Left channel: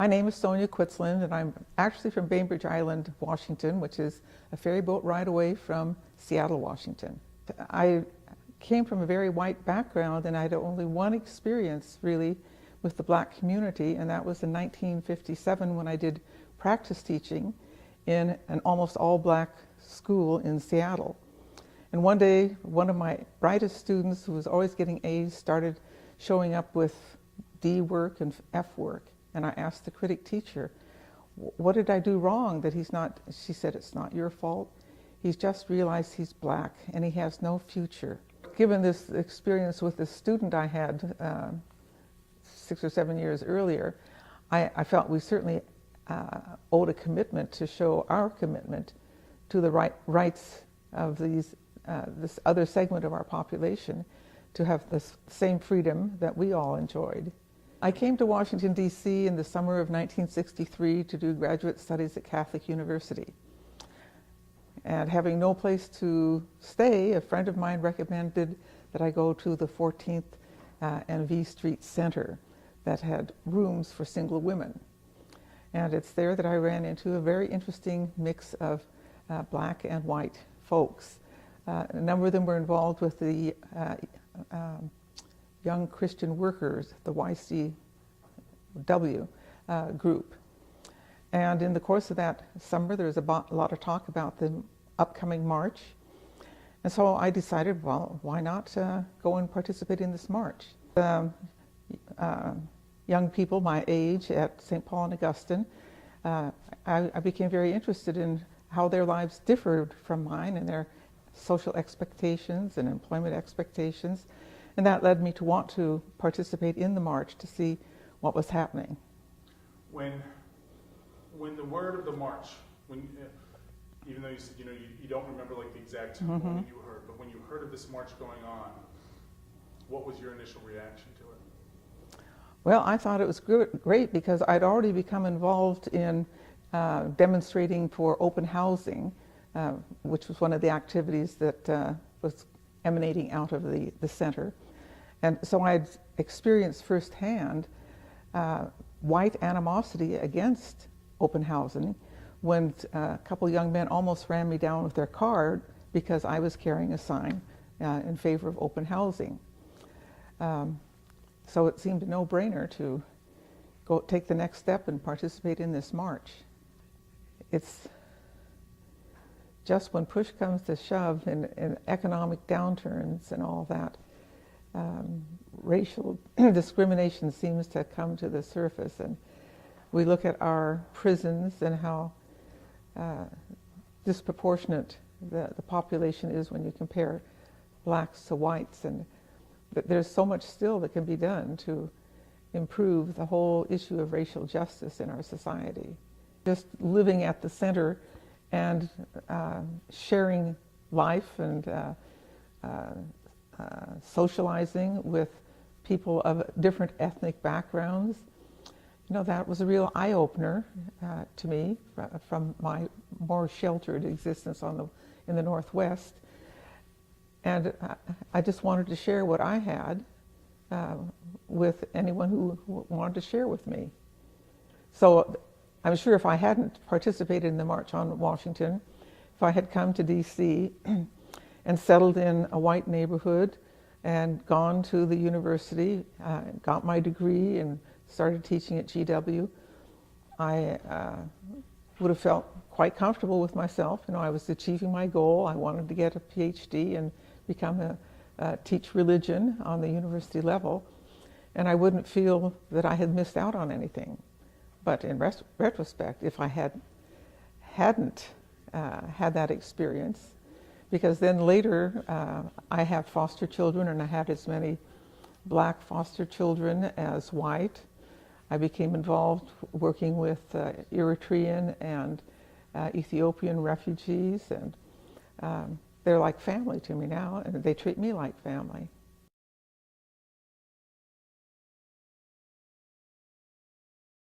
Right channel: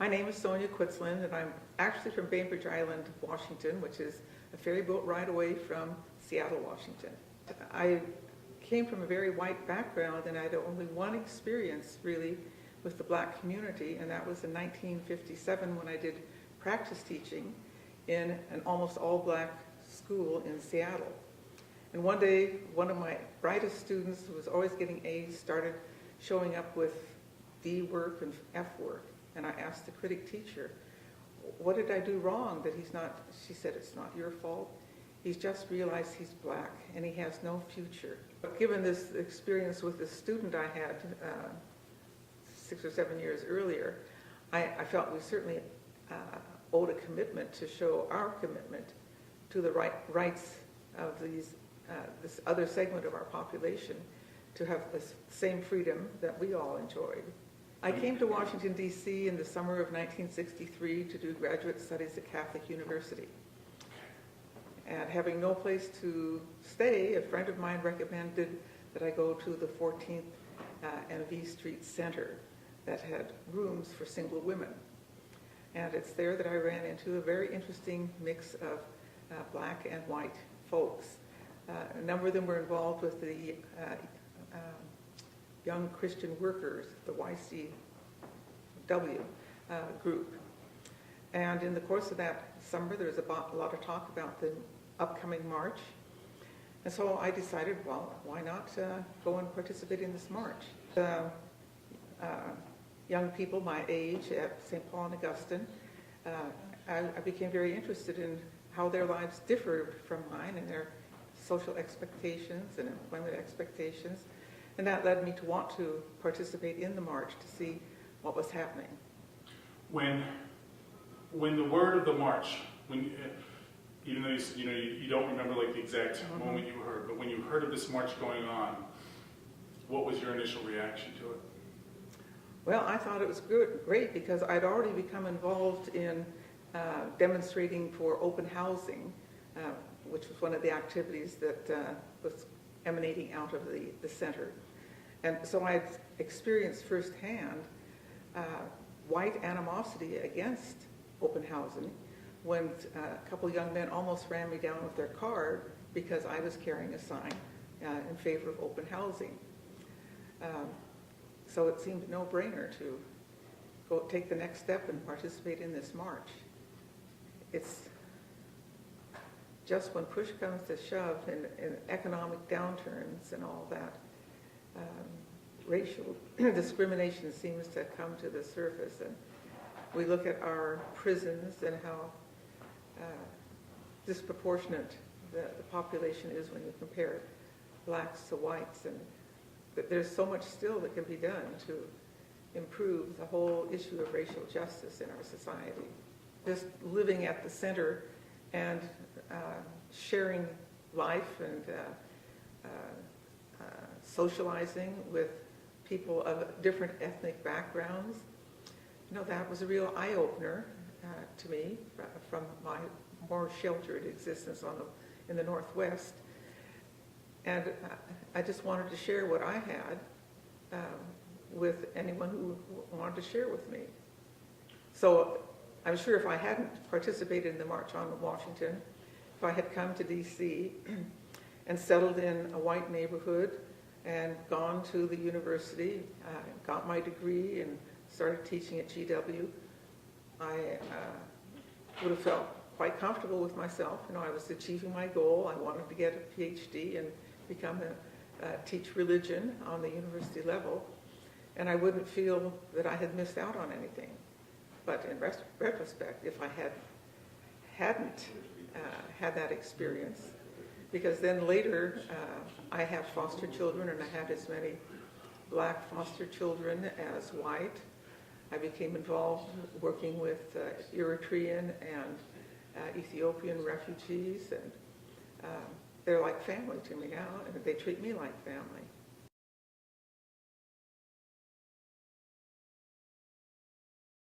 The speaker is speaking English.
My name is Sonya Quitslund, and I'm actually from Bainbridge Island, Washington, which is a ferry boat ride away from Seattle, Washington. I came from a very white background, and I had only one experience really with the black community, and that was in 1957 when I did practice teaching in an almost all black school in Seattle. And one day, one of my brightest students, who was always getting A's, started showing up with D work and F work. And I asked the critic teacher, what did I do wrong that he's not? She said, it's not your fault. He's just realized he's black and he has no future. Given this experience with the student I had 6 or 7 years earlier, I felt we certainly owed a commitment to show our commitment to the rights of this other segment of our population to have the same freedom that we all enjoyed. I came to Washington, D.C. in the summer of 1963 to do graduate studies at Catholic University. And having no place to stay, a friend of mine recommended that I go to the 14th and V Street Center that had rooms for single women. And it's there that I ran into a very interesting mix of black and white folks. A number of them were involved with the Young Christian Workers, the YCW group. And in the course of that summer, there was a lot of talk about the upcoming march. And so I decided, well, why not go and participate in this march? Young people my age at St. Paul and Augustine, I became very interested in how their lives differed from mine and their social expectations and employment expectations. And that led me to want to participate in the march to see what was happening. When the word of the march, even though you don't remember like the exact moment you heard, but when you heard of this march going on, what was your initial reaction to it? Well, I thought it was great because I'd already become involved in demonstrating for open housing, which was one of the activities that was emanating out of the center. And so I'd experienced firsthand white animosity against open housing when a couple of young men almost ran me down with their car because I was carrying a sign in favor of open housing. So it seemed a no-brainer to go take the next step and participate in this march. It's just when push comes to shove in economic downturns and all that, racial discrimination seems to come to the surface. And we look at our prisons and how disproportionate the population is when you compare blacks to whites. And there's so much still that can be done to improve the whole issue of racial justice in our society. Just living at the center and sharing life and socializing with people of different ethnic backgrounds, that was a real eye-opener to me from my more sheltered existence in the Northwest. And I just wanted to share what I had with anyone who wanted to share with me. So I'm sure if I hadn't participated in the March on Washington, if I had come to D.C. and settled in a white neighborhood and gone to the university, got my degree and started teaching at GW, I would have felt quite comfortable with myself. I was achieving my goal. I wanted to get a PhD and teach religion on the university level, and I wouldn't feel that I had missed out on anything. But in retrospect, if I hadn't had that experience, because then later I have foster children, and I had as many black foster children as white. I became involved working with Eritrean and Ethiopian refugees, and they're like family to me now, and they treat me like family.